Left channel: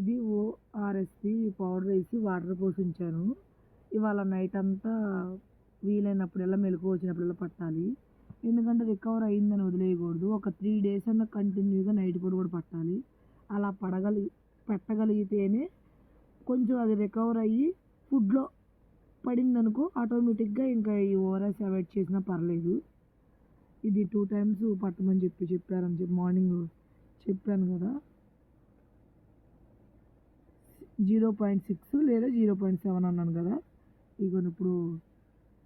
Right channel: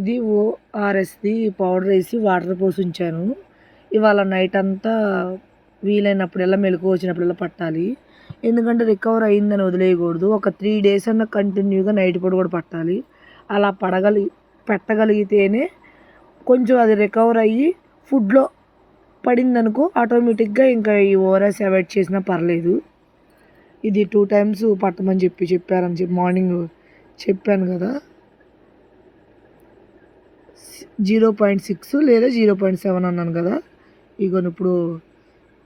ఇది ఓఆర్ఎస్ది పౌడర్ వేసి వాటర్ పోసి ఉంచాను. ఇవాళ నైట్ అంతా వీలైనప్పుడల్లా మెలకువ వచ్చినప్పుడల్లా పట్టాలి. ఎందుకంటే రికవర్ అయిందని వదిలేయకూడదు. ఒక 3 డేస్ అన్న కంటిన్యూగా నైట్ పూట కూడా పట్టాలి. అలా పెట్టగలిగితేనే కొంచెం అది రికవర్ అయ్యి ఫుడ్లో పడిందనుకో ఆటోమేటిక్గా ఇంకా ఈ ఓఆర్ఎస్ అవాయిడ్ చేసినా పర్లేదు. ఇది 2 టైమ్స్ పట్టమని చెప్పారని మార్నింగ్ చెప్పాను కదా. 0.6 లేదా 0.7 అన్నాను కదా. ఇగోని ఇప్పుడు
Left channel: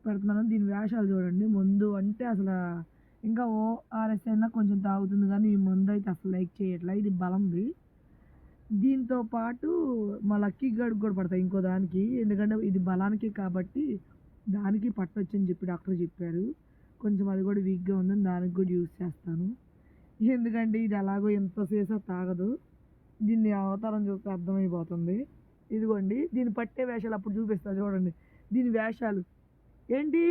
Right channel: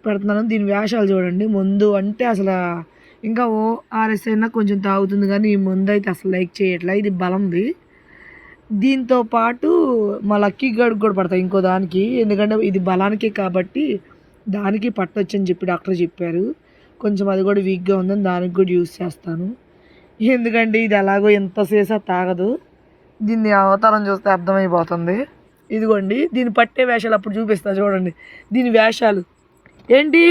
పెడుతున్నాను. దీని వేషాలు చూడండి. ముందు అంటే అసలు ఇంకా ఓఆర్ఎస్ అయినా కొంచెం తాగుతుంది కానీ ఈ ముందు అయితే అసలు లైక్ చేయట్లే. ఇది బలంది. దీంతో పాటు మా లక్కీ గడికి కూడా పడతాయి ఇంకో దానికి. ఎందుకంటే ఇది బలానికి కాబట్టి దానికి పట్టొచ్చని చెప్పి డాక్టర్ చెప్పారు. కొంచెం అది కూడా వీక్గా ఉందని దానికి కూడా యూజ్ చేస్తాను. ఎందుకంటే ఇది ఎలాగో ఎంత చేసా తాగదు. దీన్ని అవతారం చూస్తే అర్థమైపోతుంది. ఇదిగోండి దీన్ని పట్టే వేషాలు అప్పుడు చూపిస్తా చూడండి. దీని వేషాలు ఏంటి?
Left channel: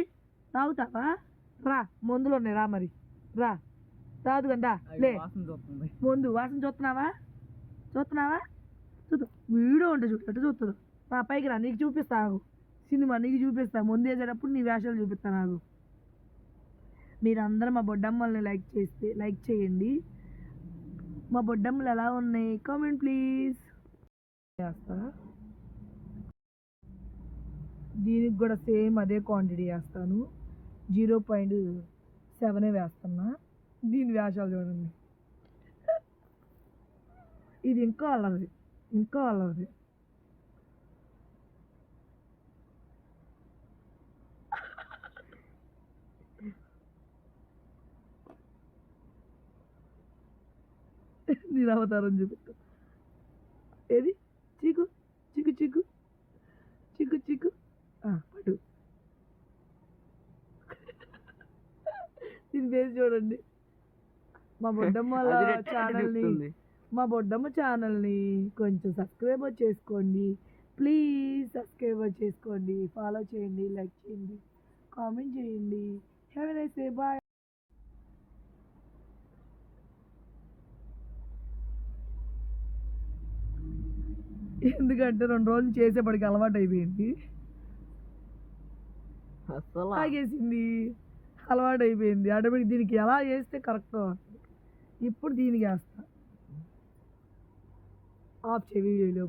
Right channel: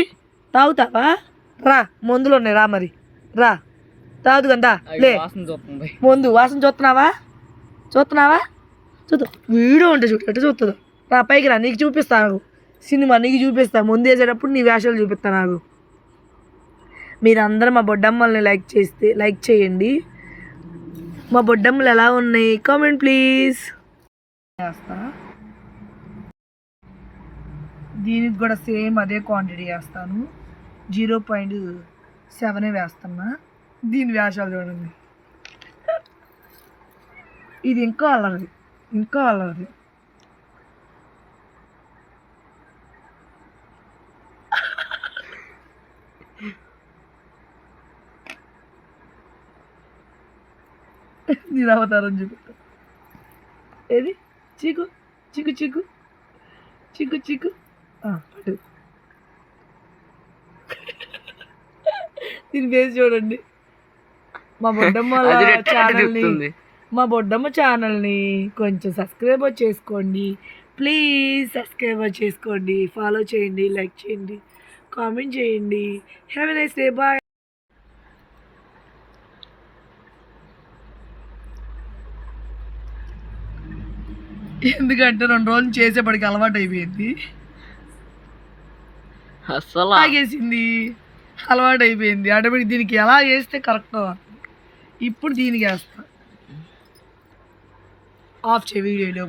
తాగుతావా? రా, మందులు ఉన్నాయి, రా మరి రా, తాగుదు కదా లే. ముందు వాసన చూస్తున్నావా? చూద్దాం. వీడియో ఉంటే చూడు ఎట్లా చూస్తుందో. రా పైకి రా, నీకు చూపిస్తా. నాకు సినిమా నీకు చూపిస్తా. ముందు వేసేటప్పుడు నీ వేషాలు చూపిస్తా. నాకు మీరందరూ మా బొడ్డమ్మల్ని లైక్ చేయండి. మా బొడ్డమ్మలు ఎలా ఉన్నాయి కామెంట్ ప్లీజ్. వేస్తా. దీనికి కూడా సేమ్ అదే క్వాంటిటీ వేస్తాను. 0.7 వేస్తున్నా. దీని వేషాలు చూడండి. ఇది ఇంకా అల్లరి. నేను అవతారం చూపిస్తా. ఏది? చీకు పట్టు. దీని ఫేస్ చూడండి. మా బొడ్డమ్మ ఛానల్ని కొంచెం సబ్స్క్రైబ్ చేసుకోండి ప్లీజ్. ఫాలో చేయండి, లైక్ చేయండి, కామెంట్ చేయండి. Have a nice day. Bye. ఎందుకంటే 2 రోజులు చేసేపటికి అలవాటు అయిపోయింది. అసలు తాగేసింది, అలవాటు అయిపోయింది. ఆటోమేటిక్ దీనికి ఎలా చేస్తే కరెక్ట్. ఇప్పుడు దీనికి వేస్తా. ఆఫ్ చేయి వీడియోలో.